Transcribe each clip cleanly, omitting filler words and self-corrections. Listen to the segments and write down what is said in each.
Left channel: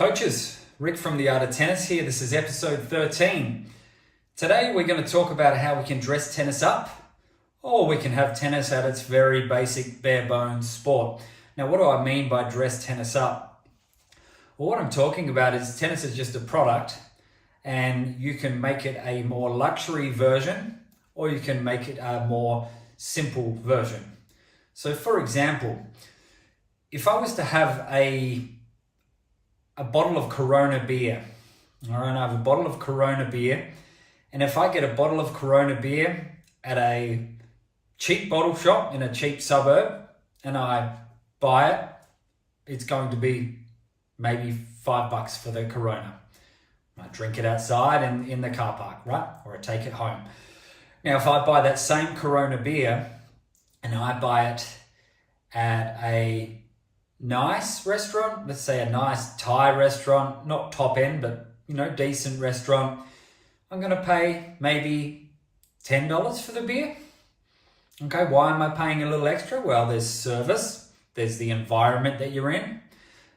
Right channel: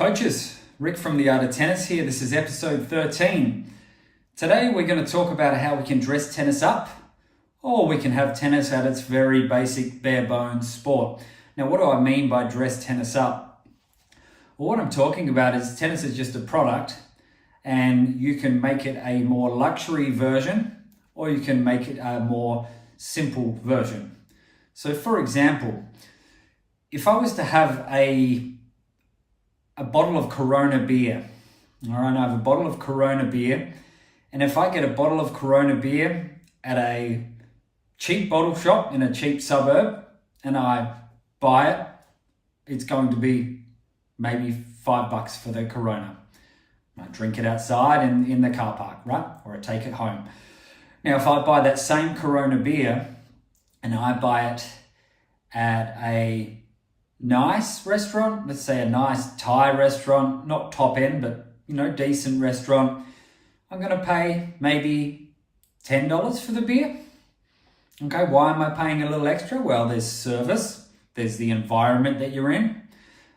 Coaches, Rick from The Art of Tennis here. This is episode 13. Today we're going to talk about how we can dress tennis up, or we can have tennis at its very basic, bare bones sport. Now, what do I mean by dress tennis up? Well, what I'm talking about is tennis is just a product, and you can make it a more luxury version, or you can make it a more simple version. So, for example, if I was to have a bottle of Corona beer. All right, I have a bottle of Corona beer. And if I get a bottle of Corona beer at a cheap bottle shop in a cheap suburb and I buy it, it's going to be maybe $5 for the Corona. I drink it outside and in the car park, right? Or I take it home. Now, if I buy that same Corona beer and I buy it at a nice restaurant, let's say a nice Thai restaurant, not top end, but decent restaurant, I'm going to pay maybe $10 for the beer. Okay, why am I paying a little extra? Well, there's service, there's the environment that you're in,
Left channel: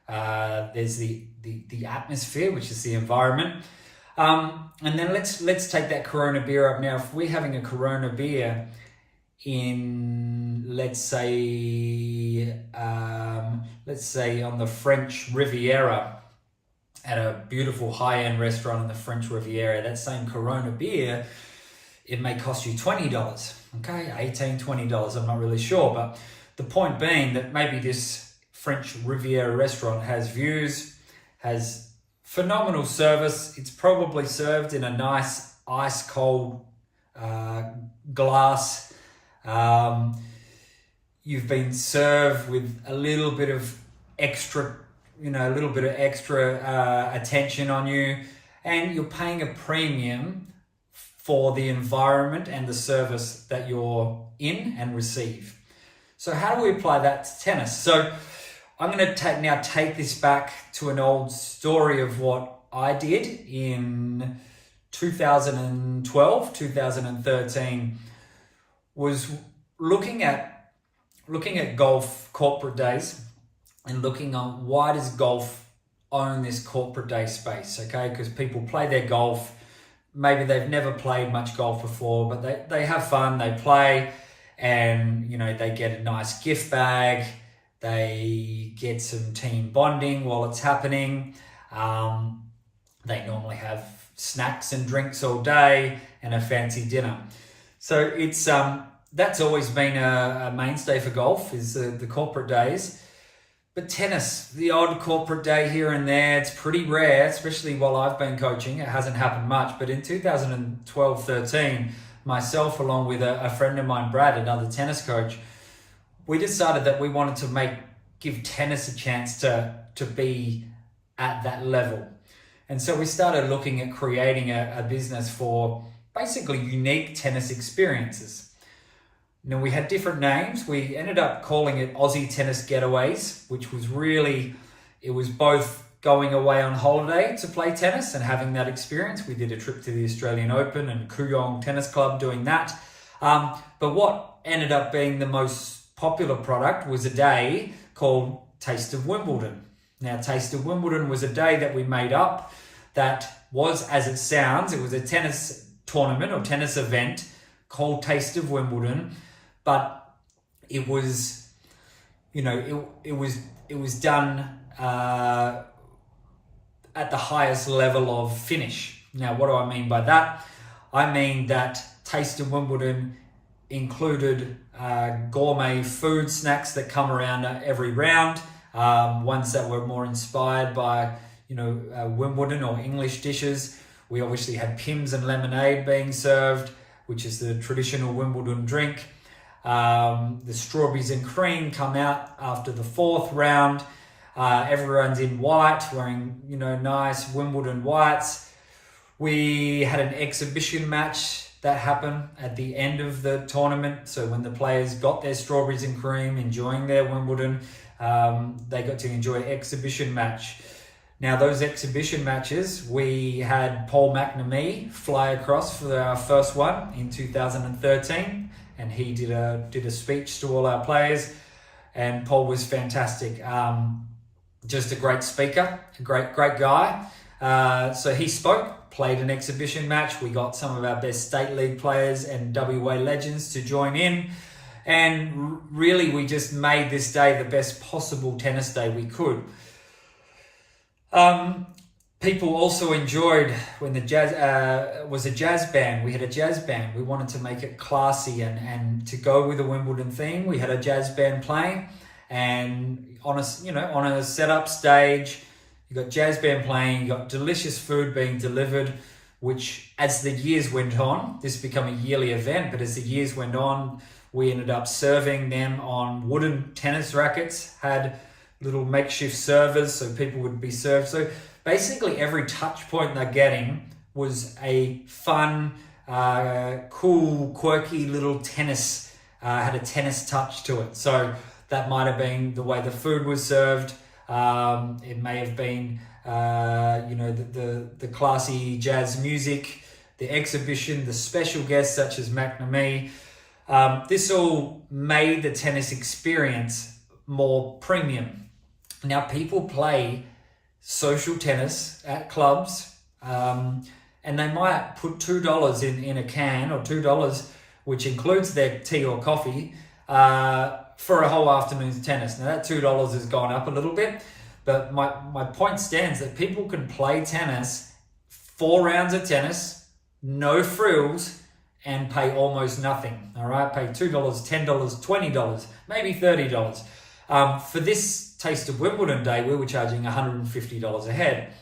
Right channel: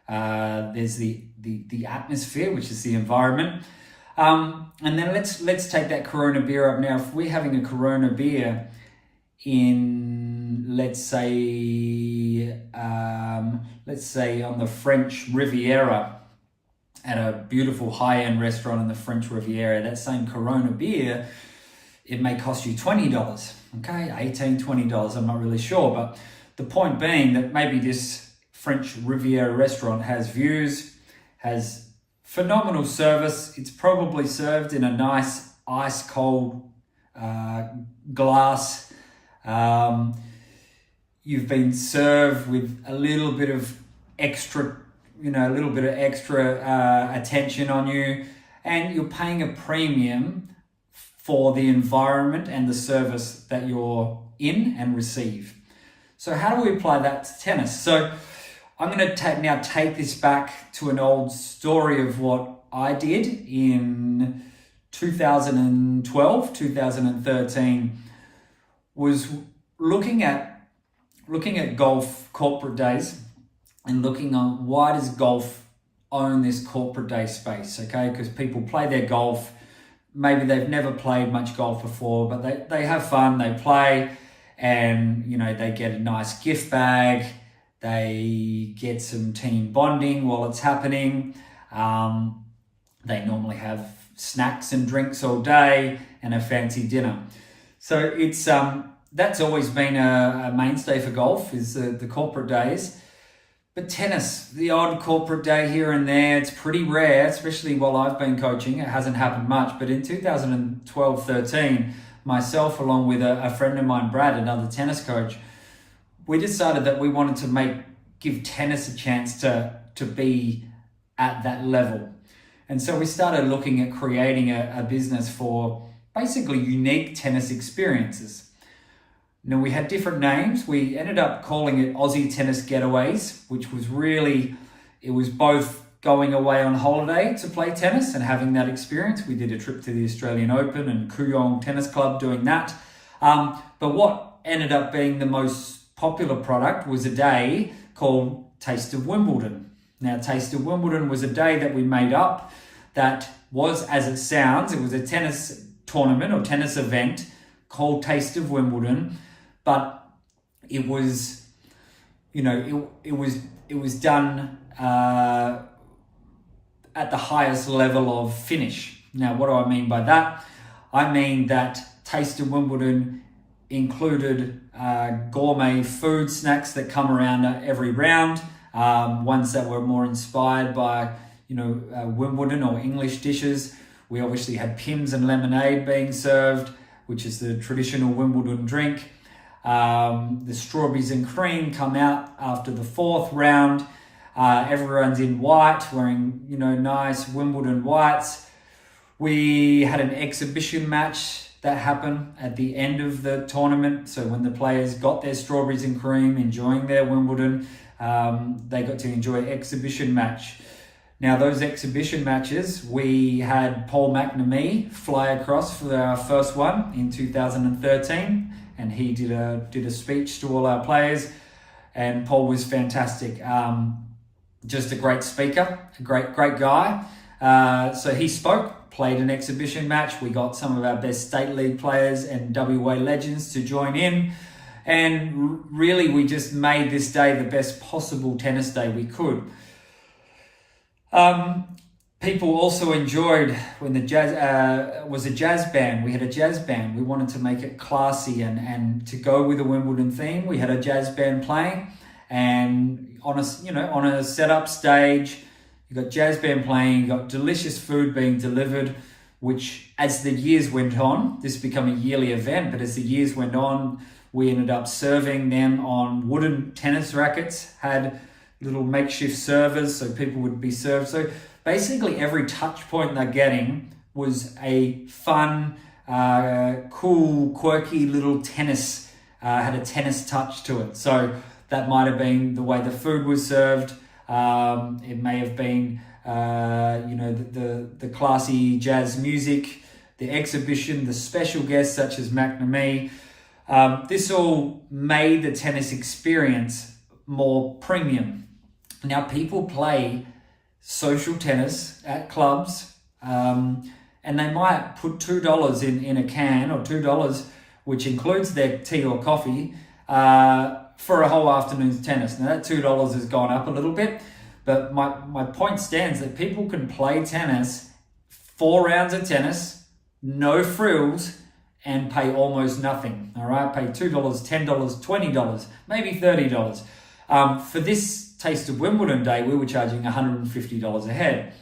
there's the atmosphere, which is the environment, and then let's take that Corona beer up. Now, if we're having a Corona beer in, let's say on the French Riviera, at a beautiful high-end restaurant in the French Riviera, that same Corona beer, it may cost you $20, okay, $18, $20, I'm not really sure, but the point being that maybe this French Riviera restaurant has views, has phenomenal service, it's probably served in a nice ice-cold glass. You've been served with a little bit of extra, attention on you, and you're paying a premium for the environment and the service that you're in and receive. So how do we apply that to tennis? So I'm going to take this back to an old story of what I did in 2012, 2013, was looking at golf corporate days and looking on why does golf own this corporate day space, okay? Because people play their golf, maybe they've never played much golf before, but they have fun, they play, and they get a nice gift bag, they get some team bonding while it's happening, they normally have snacks and drinks all day and a fancy dinner. So it's that's always been a mainstay for golf, is the corporate days. But tennis, the odd corporate day here and there, it's pretty rare, especially while I've been coaching. It hasn't happened much. But in 2012-13, myself, along with a friend of mine, Brad, another tennis coach, we decided that we wanted to give tennis a chance to be at that level. And so we started looking at creating a business for basically unique tennis experiences. Now, we had different names. We ended up calling it Aussie Tennis Getaways, which was it was both going away on holiday to play tennis and having that experience. We did a trip to the Australian Open and Kooyong Tennis Club doing that. But what ended up being the most popular product was a day called Taste of Wimbledon. Now, Taste of Wimbledon was a day that we made up that was, as it sounds, it was a tennis tournament or tennis event called Taste of Wimbledon, but it was, it was done at the highest level of finish. Now, what do I mean by that? I mean that Taste of Wimbledon included gourmet food snacks that come around every round, ones that were more inspired by, Wimbledon or English dishes. We obviously had Pimm's and lemonade being served, which is the traditional Wimbledon drink. The strawberries and cream come out after the fourth round. Everyone's in white, wearing, nice Wimbledon whites. We had an exhibition match that happened at the end of the tournament. So when the players got their strawberries and cream, enjoying their Wimbledon, they got to enjoy an exhibition match. Now, those exhibition matches, we had Paul McNamee fly across for our first one in 2013, and he did a speech to all our players, and Paul was fantastic. just a great speaker, a great guy. So he spoke, played an exhibition match. We got some of our best state league players and WA legends to join in. And really, we just made this day the best possible tennis day we could. People also enjoyed when the jazz was a jazz band. We had a jazz band. We wanted to make it classy and to go with the Wimbledon theme. We had a jazz band playing, and on a setup stage, you got jazz band playing. You got delicious food being delivered, which as the years went on, this became a yearly event. But as the years went on, we ended up serving them on wooden tennis rackets. Had little makeshift servers so people would be served. So basically every touch point they're getting was a fun, cool, quirky little tennis, had a tennis touch to it. So that might have been the way the food was served. It may have been, the classy jazz music, the exhibition, the special guests such as McNamee. This all made the tennis experience more premium. Now, people play social tennis at clubs, and they might put $2 in a can, or $2, which includes their tea or coffee, for a whole afternoon's tennis. Now, that $2 has gone up a little bit, but my point stands that people can play tennis, 4 rounds of tennis, no frills, and pay almost nothing. All right, pay $2, $10, $20, maybe $30. For this Taste of Wimbledon Day, we were charging $150 a head.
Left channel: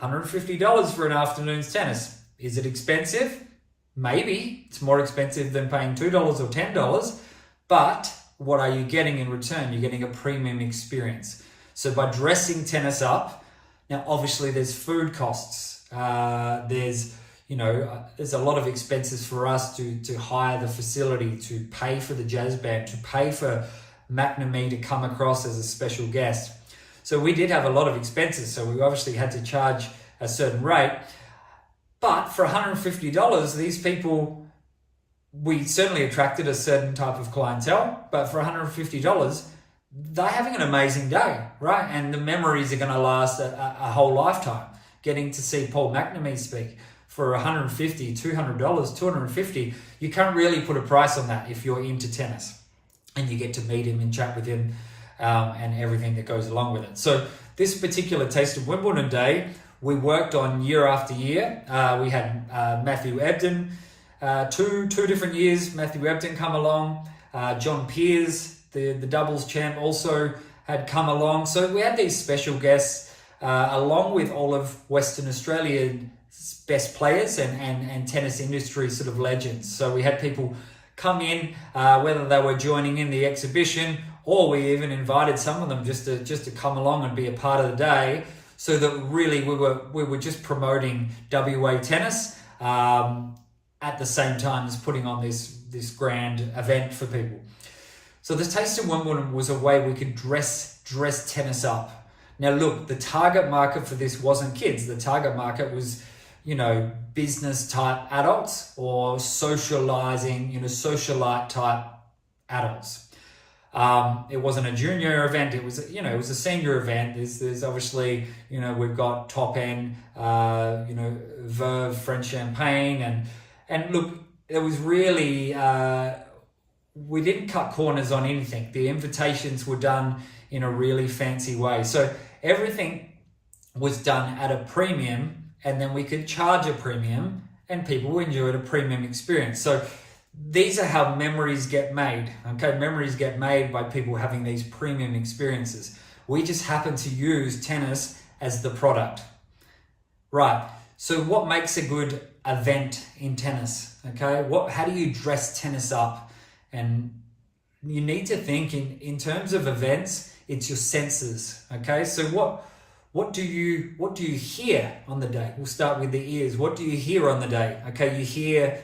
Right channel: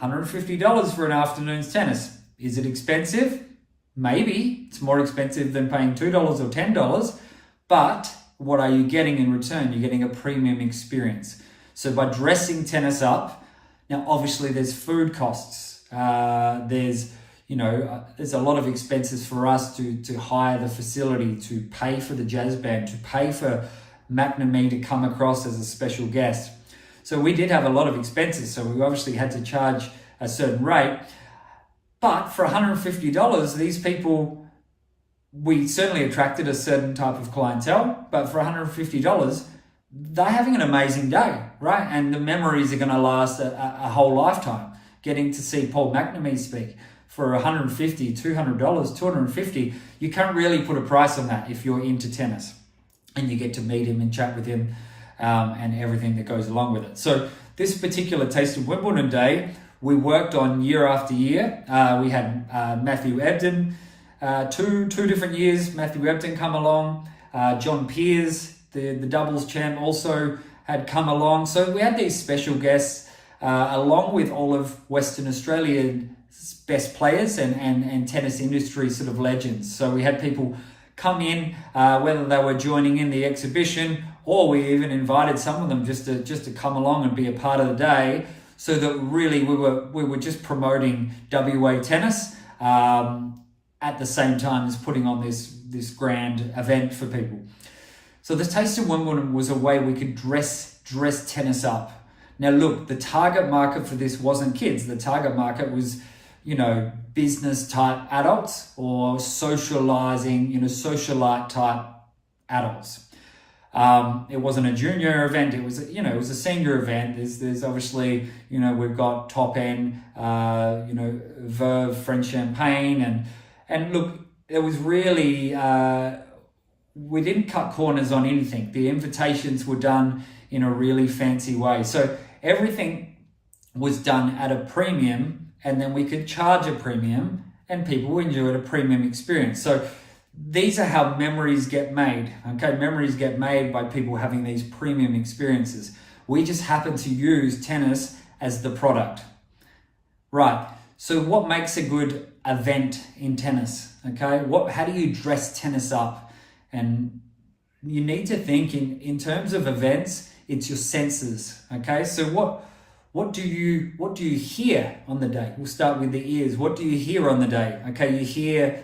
$150 for an afternoon's tennis. Is it expensive? Maybe. It's more expensive than paying $2 or $10. But what are you getting in return? You're getting a premium experience. So by dressing tennis up, now obviously there's food costs. There's a lot of expenses for us to hire the facility, to pay for the jazz band, to pay for McNamee to come across as a special guest. So we did have a lot of expenses, so we obviously had to charge a certain rate. But for $150, these people, we certainly attracted a certain type of clientele, but for $150, they're having an amazing day, right? And the memories are going to last a whole lifetime. Getting to see Paul McNamee speak for $150, $200, $250, you can't really put a price on that if you're into tennis. And you get to meet him and chat with him, and everything that goes along with it. So this particular Taste of Wimbledon Day, we worked on year after year. We had Matthew Ebden, two different years. Matthew Ebden come along. John Peers, the doubles champ, also had come along. So we had these special guests, along with all of Western Australia's best players and tennis industry sort of legends. So we had people come in, whether they were joining in the exhibition, or we even invited some of them just to come along and be a part of the day, so that really we were just promoting WA tennis, at the same time as putting on this grand event for people. So the Taste of Wimbledon was a way we could dress tennis up. Now look, the target market for this wasn't kids. The target market was, business type adults or socializing, socialite type adults. It wasn't a junior event. It was, it was a senior event. There's obviously, we've got top end, Verve, French Champagne, and look, it was really, we didn't cut corners on anything. The invitations were done in a really fancy way. So everything was done at a premium, and then we could charge a premium, and people enjoyed a premium experience. So these are how memories get made. Okay, memories get made by people having these premium experiences. We just happen to use tennis as the product. Right, so what makes a good event in tennis? Okay, how do you dress tennis up? And you need to think in terms of events, it's your senses. Okay, so what do you hear on the day? We'll start with the ears. What do you hear on the day? Okay, you hear,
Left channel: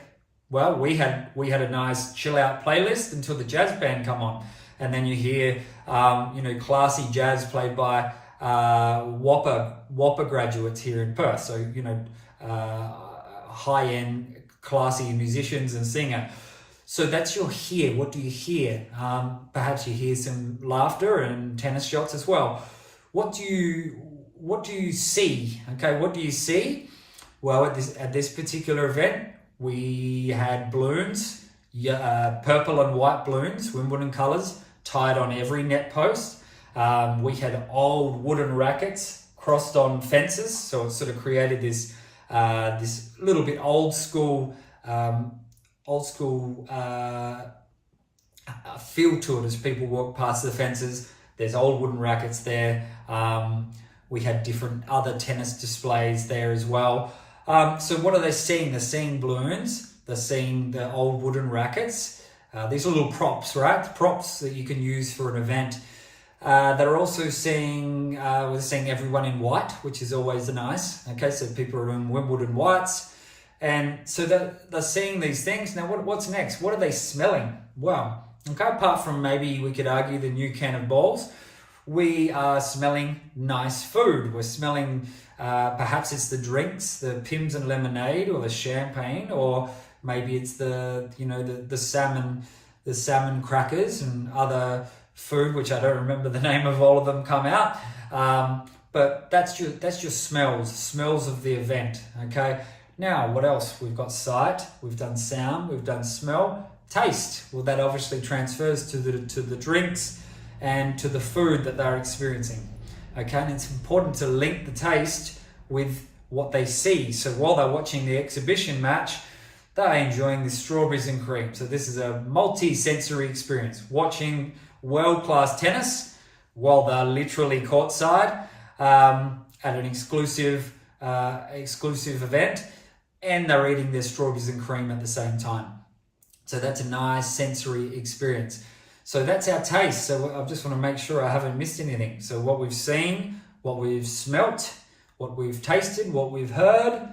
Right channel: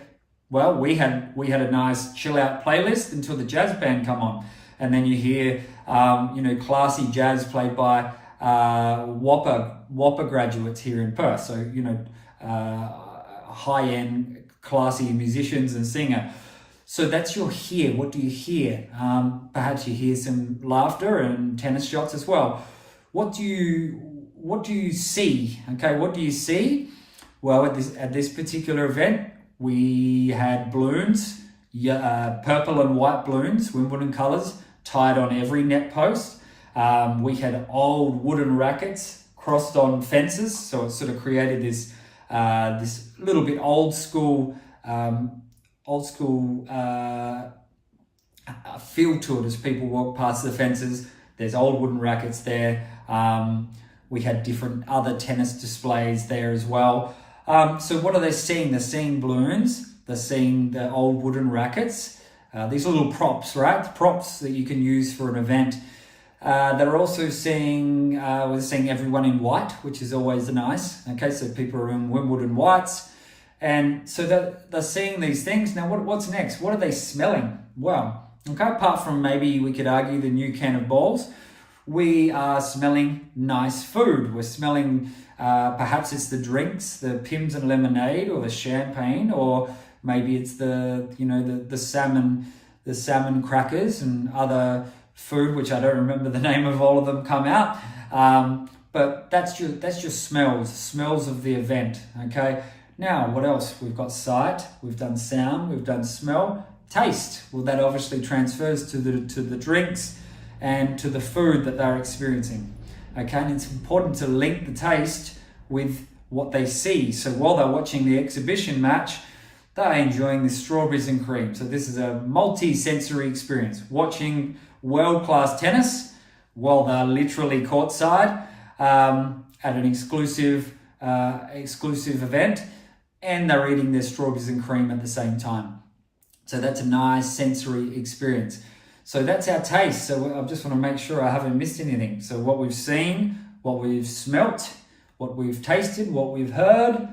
well, we had a nice chill out playlist until the jazz band come on. And then you hear, classy jazz played by Whopper graduates here in Perth. So, high-end, classy musicians and singer. So that's your hear. What do you hear? Perhaps you hear some laughter and tennis shots as well. what do you see? Okay, what do you see? Well, at this particular event, we had balloons, purple and white balloons, Wimbledon colours, tied on every net post. We had old wooden rackets crossed on fences, so it sort of created this little bit old school feel to it as people walk past the fences. There's old wooden rackets there. We had different other tennis displays there as well. So what are they seeing? They're seeing balloons. They're seeing the old wooden rackets. These are little props, right? Props that you can use for an event. They're also seeing, we're seeing everyone in white, which is always nice. Okay, so people are in Wimbledon whites. And so they're seeing these things. Now, what's next? What are they smelling? Well, okay, apart from maybe we could argue the new can of balls, we are smelling nice food. We're smelling, perhaps it's the drinks, the Pims and lemonade, or the champagne, or maybe it's the salmon crackers and other food, which I don't remember the name of all of them come out. But that's your smells of the event. Okay. Now, what else? We've got sight, we've done sound, we've done smell, taste. Well, that obviously transfers to the drinks and to the food that they're experiencing. Okay, and it's important to link the taste with what they see. So while they're watching the exhibition match, they're enjoying the strawberries and cream. So this is a multi-sensory experience, watching world-class tennis while they're literally courtside at an exclusive event, and they're eating their strawberries and cream at the same time. So that's a nice sensory experience. So that's our taste. So I just want to make sure I haven't missed anything. So what we've seen, what we've smelt, what we've tasted, what we've heard,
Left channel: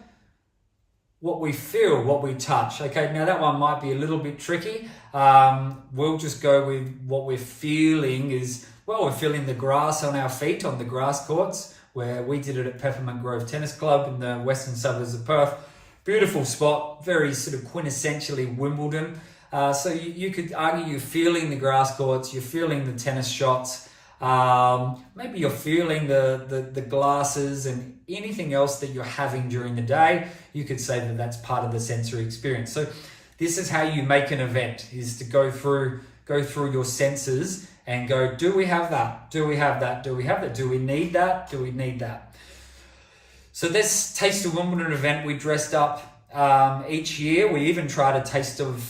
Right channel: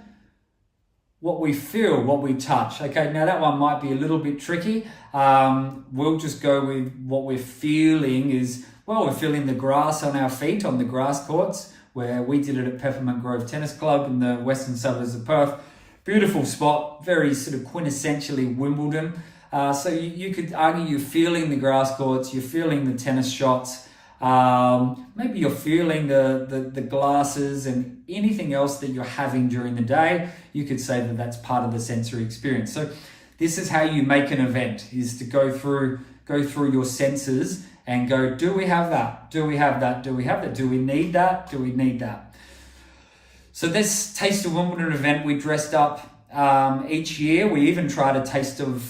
what we feel, what we touch. Okay, now that one might be a little bit tricky. We'll just go with what we're feeling is, well, we're feeling the grass on our feet on the grass courts, where we did it at Peppermint Grove Tennis Club in the western suburbs of Perth. Beautiful spot, very sort of quintessentially Wimbledon. So you could argue you're feeling the grass courts, you're feeling the tennis shots, maybe you're feeling the glasses and anything else that you're having during the day. You could say that that's part of the sensory experience. So this is how you make an event, is to go through your senses and go, do we have that? Do we have that? Do we have that? Do we need that? Do we need that? So this Taste of Wimbledon event, we dressed up each year. We even tried a Taste of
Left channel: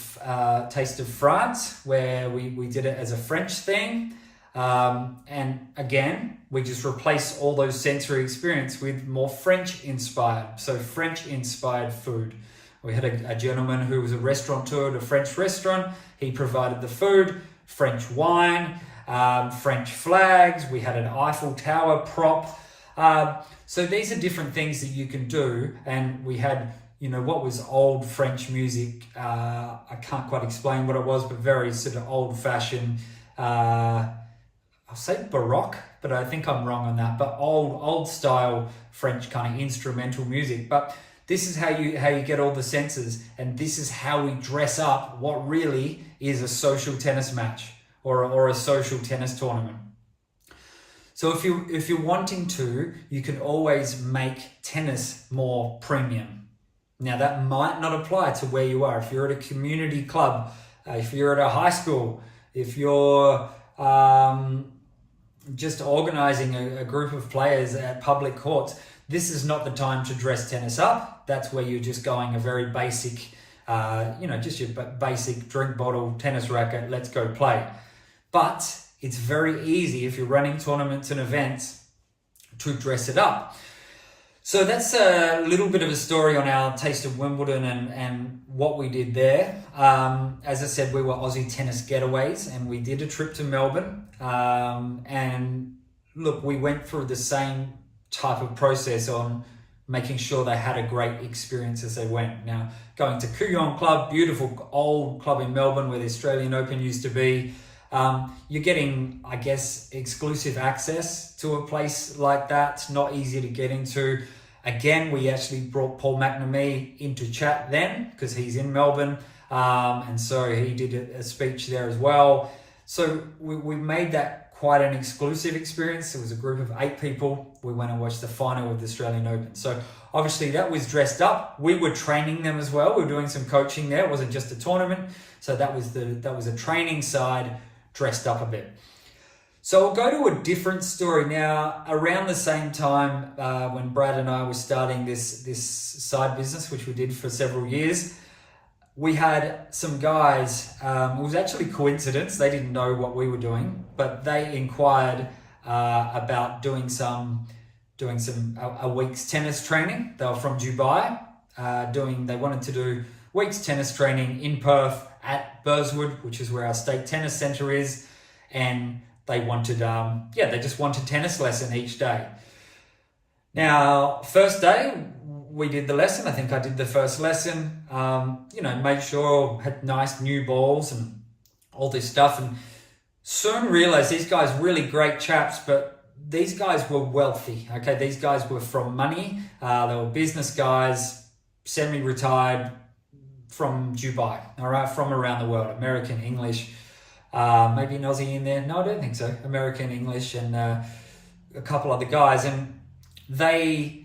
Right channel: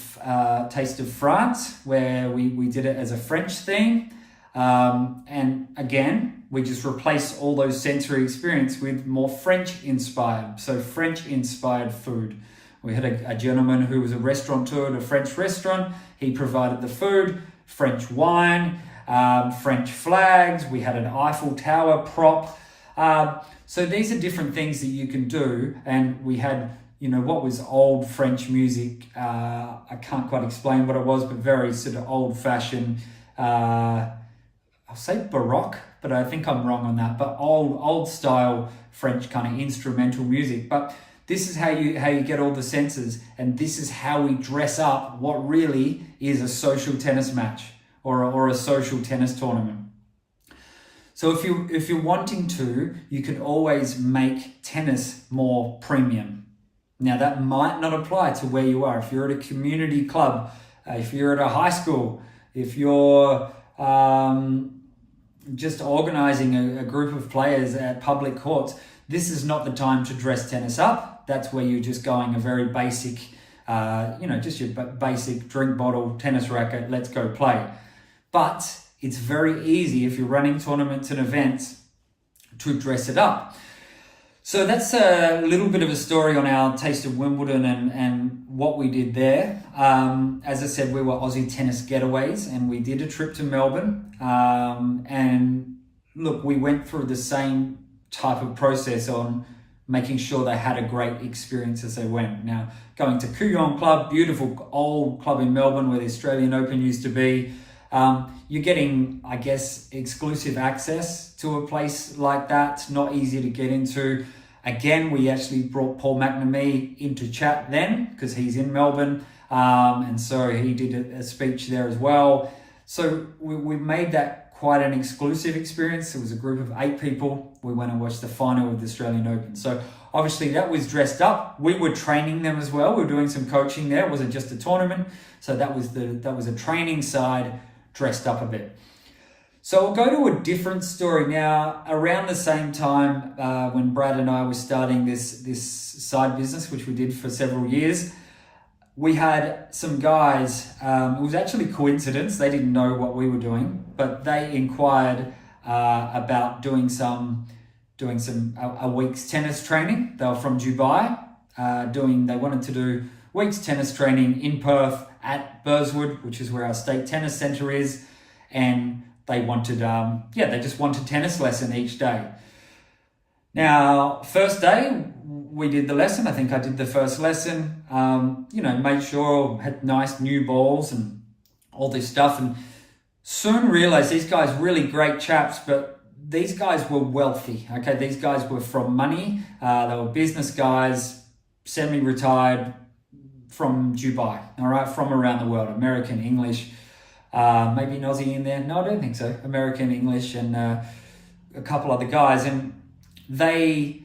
France, where we did it as a French theme. And again, we just replaced all those sensory experience with more French inspired. So French inspired food. We had a gentleman who was a restaurateur at a French restaurant. He provided the food, French wine, French flags. We had an Eiffel Tower prop. So these are different things that you can do. And we had, what was old French music. I can't quite explain what it was, but very sort of old fashioned, I'll say Baroque, but I think I'm wrong on that, but old style French kind of instrumental music. But this is how you get all the senses, and this is how we dress up what really is a social tennis match or a social tennis tournament. So if you're wanting to, you can always make tennis more premium. Now that might not apply to where you are. If you're at a community club, if you're at a high school, if you're just organizing a group of players at public courts, this is not the time to dress tennis up. That's where you're just going a very basic, just your basic drink bottle, tennis racket, let's go play. But it's very easy if you're running tournaments and events to dress it up. So that's a little bit of a story on our Taste of Wimbledon and what we did there. As I said, we were Aussie Tennis Getaways, and we did a trip to Melbourne. And look, we went through the same type of process on making sure they had a great experience as they went. Now, going to Kooyong Club, beautiful old club in Melbourne where the Australian Open used to be. You're getting, I guess, exclusive access to a place like that. It's not easy to get into. Again, we actually brought Paul McNamee into chat then because he's in Melbourne. And so he did a speech there as well. So we made that quite an exclusive experience. It was a group of 8 people. We went and watched the final of the Australian Open. So obviously that was dressed up. We were training them as well. We were doing some coaching there. It wasn't just a tournament. So that was a training side, dressed up a bit. So we'll go to a different story now. Around the same time when Brad and I were starting this side business, which we did for several years, we had some guys, it was actually coincidence, they didn't know what we were doing, but they inquired about doing a week's tennis training. They were from Dubai, they wanted to do week's tennis training in Perth at Burswood, which is where our state tennis centre is, and they wanted, they just wanted tennis lesson each day. Now, first day, we did the lesson. I think I did the first lesson, made sure I had nice new balls and all this stuff. And soon realized these guys, really great chaps, but these guys were wealthy. Okay, these guys were from money. They were business guys, semi-retired from Dubai, all right, from around the world, American, English, maybe an Aussie in there. No, I don't think so. American, English, and a couple other guys. And they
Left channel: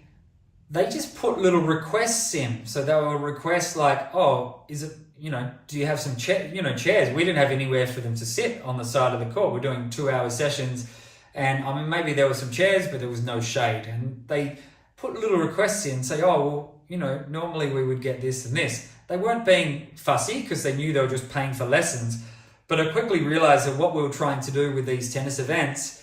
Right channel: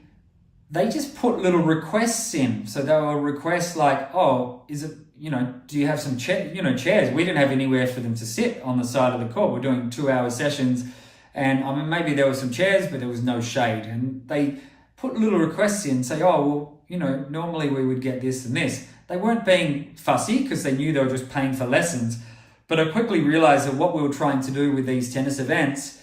just put little requests in. So they were requests like, oh, is it, do you have some chairs? We didn't have anywhere for them to sit on the side of the court. We're doing 2-hour sessions. And I mean, maybe there were some chairs, but there was no shade. And they put little requests in, say, oh, well, normally we would get this and this. They weren't being fussy because they knew they were just paying for lessons. But I quickly realized that what we were trying to do with these tennis events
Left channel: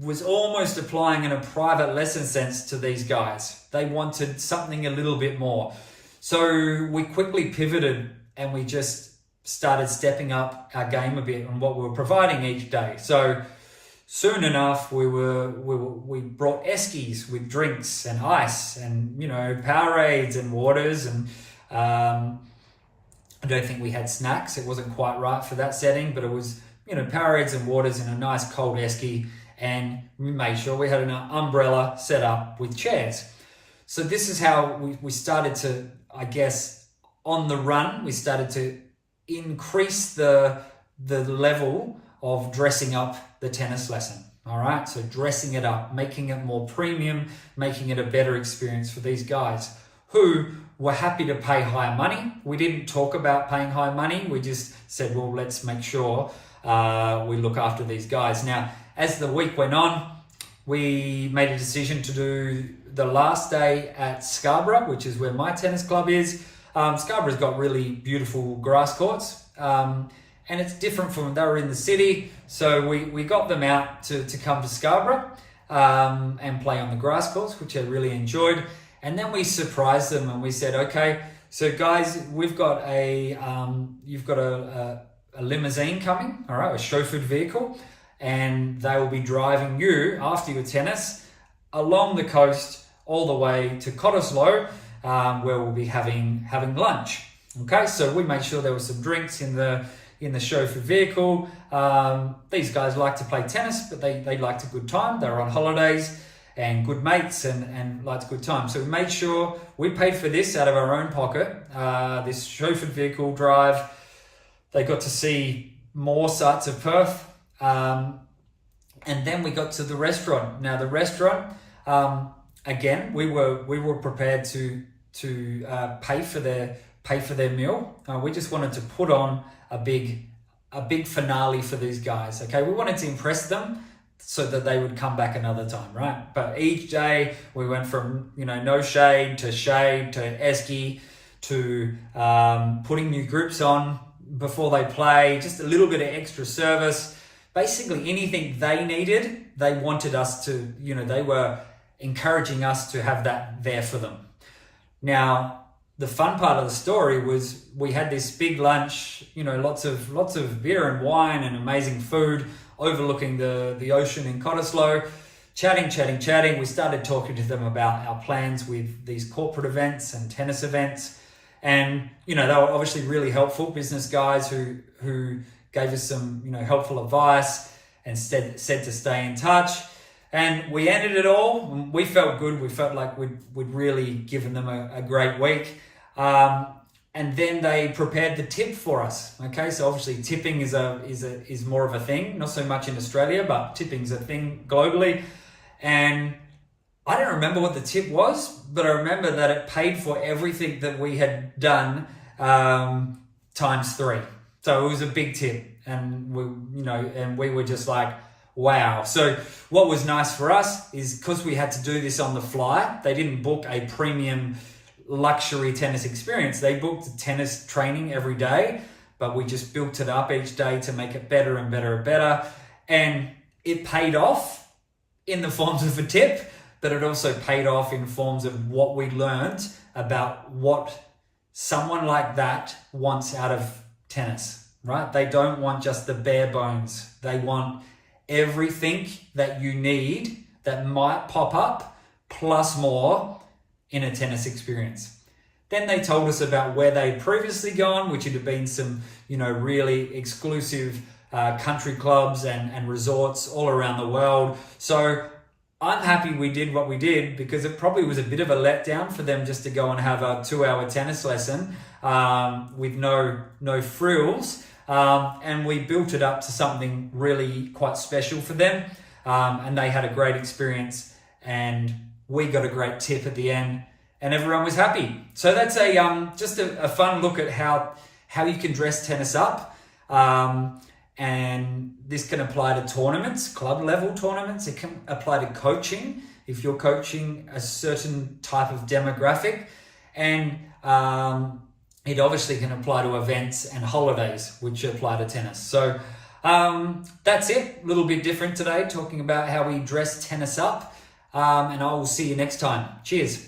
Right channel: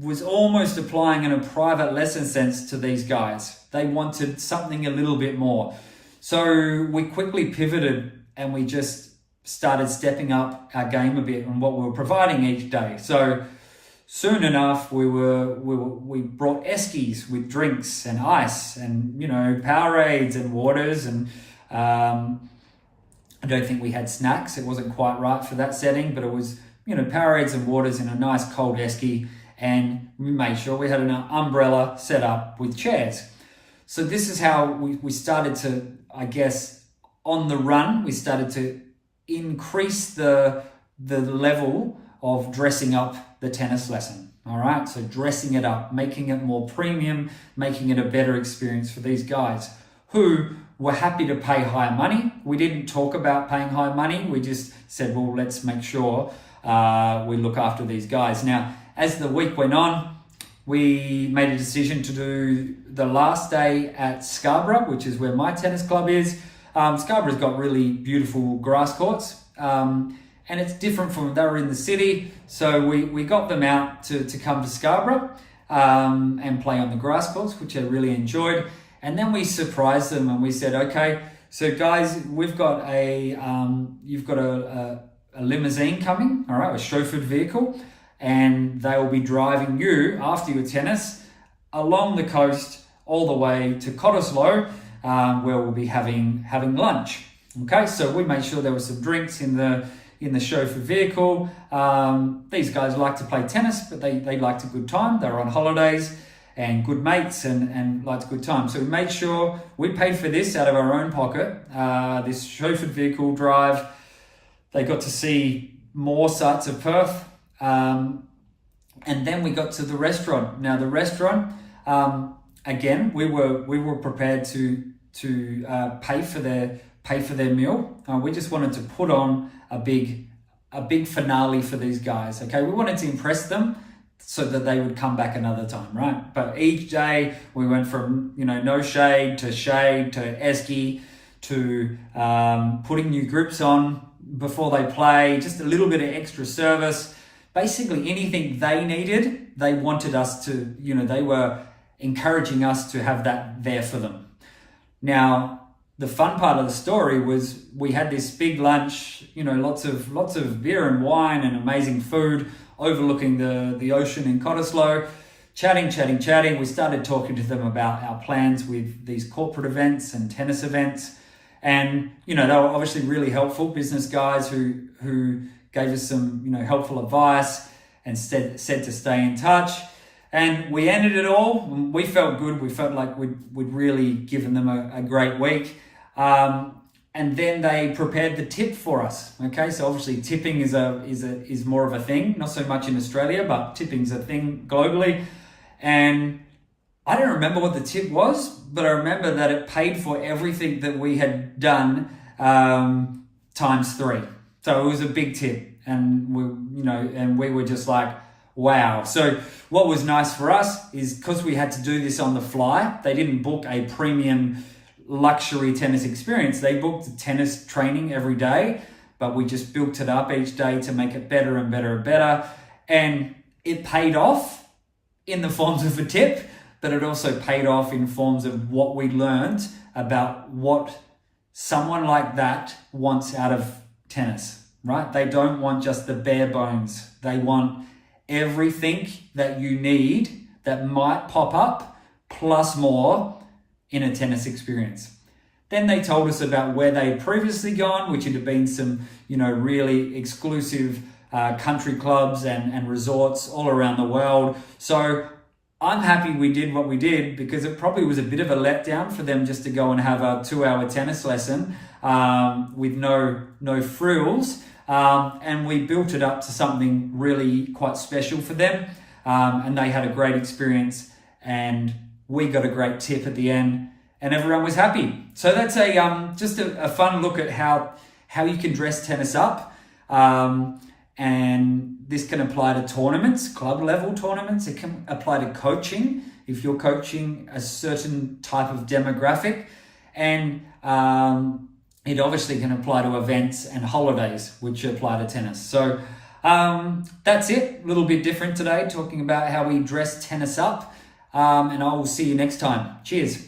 was almost applying in a private lesson sense to these guys. They wanted something a little bit more. So we quickly pivoted and we just started stepping up our game a bit on what we were providing each day. So soon enough, we brought eskies with drinks and ice and, Powerades and waters. And I don't think we had snacks. It wasn't quite right for that setting, but it was, Powerades and waters in a nice cold esky. And we made sure we had an umbrella set up with chairs. So this is how we started to, I guess, on the run, we started to increase the level of dressing up the tennis lesson. All right, so dressing it up, making it more premium, making it a better experience for these guys who were happy to pay higher money. We didn't talk about paying high money. We just said, well, let's make sure we look after these guys. Now, as the week went on, we made a decision to do the last day at Scarborough, which is where my tennis club is. Scarborough's got really beautiful grass courts, and it's different from, they were in the city, so we got them out to come to Scarborough and play on the grass courts, which I really enjoyed. And then we surprised them and we said, okay, so guys, we've got you've got a limousine coming, all right, a chauffeured vehicle, and they will be driving you after your tennis along the coast all the way to Cottesloe, where we'll be having lunch. Okay, so we made sure there were some drinks in the chauffeured vehicle. These guys like to play tennis, but they liked a good time. They were on holidays and good mates and liked a good time. So we made sure we paid for this out of our own pocket, this chauffeured vehicle drive. They got to see more sights of Perth. And then we got to the restaurant. Now the restaurant, again, we were prepared to pay for their meal. We just wanted to put on a big finale for these guys. Okay, we wanted to impress them so that they would come back another time, right? But each day we went from no shade to esky to putting new grips on before they play, just a little bit of extra service. Basically anything they needed, they wanted us to, they were encouraging us to have that there for them. Now, the fun part of the story was we had this big lunch, lots of beer and wine and amazing food overlooking the ocean in Cottesloe, chatting. We started talking to them about our plans with these corporate events and tennis events. And, they were obviously really helpful business guys who gave us some, helpful advice and said to stay in touch. And we ended it all. We felt good. We felt like we'd really given them a great week. and then they prepared the tip for us. Okay, so obviously tipping is more of a thing, not so much in Australia, but tipping's a thing globally. And I don't remember what the tip was, but I remember that it paid for everything that we had done times 3. So it was a big tip, and we were just like, wow. So what was nice for us is because we had to do this on the fly. They didn't book a premium luxury tennis experience. They booked tennis training every day, but we just built it up each day to make it better and better and better. And it paid off in the forms of a tip, but it also paid off in forms of what we learned about what someone like that wants out of tennis, right? They don't want just the bare bones. They want everything that you need that might pop up, plus more, in a tennis experience. Then they told us about where they'd previously gone, which had been some, really exclusive country clubs and resorts all around the world. So I'm happy we did what we did, because it probably was a bit of a letdown for them just to go and have a 2-hour tennis lesson with no frills. And we built it up to something really quite special for them. And they had a great experience, and we got a great tip at the end, and everyone was happy. So that's just a fun look at how you can dress tennis up. And this can apply to tournaments, club level tournaments. It can apply to coaching if you're coaching a certain type of demographic. And it obviously can apply to events and holidays, which apply to tennis. So that's it. A little bit different today, talking about how we dress tennis up. And I will see you next time. Cheers.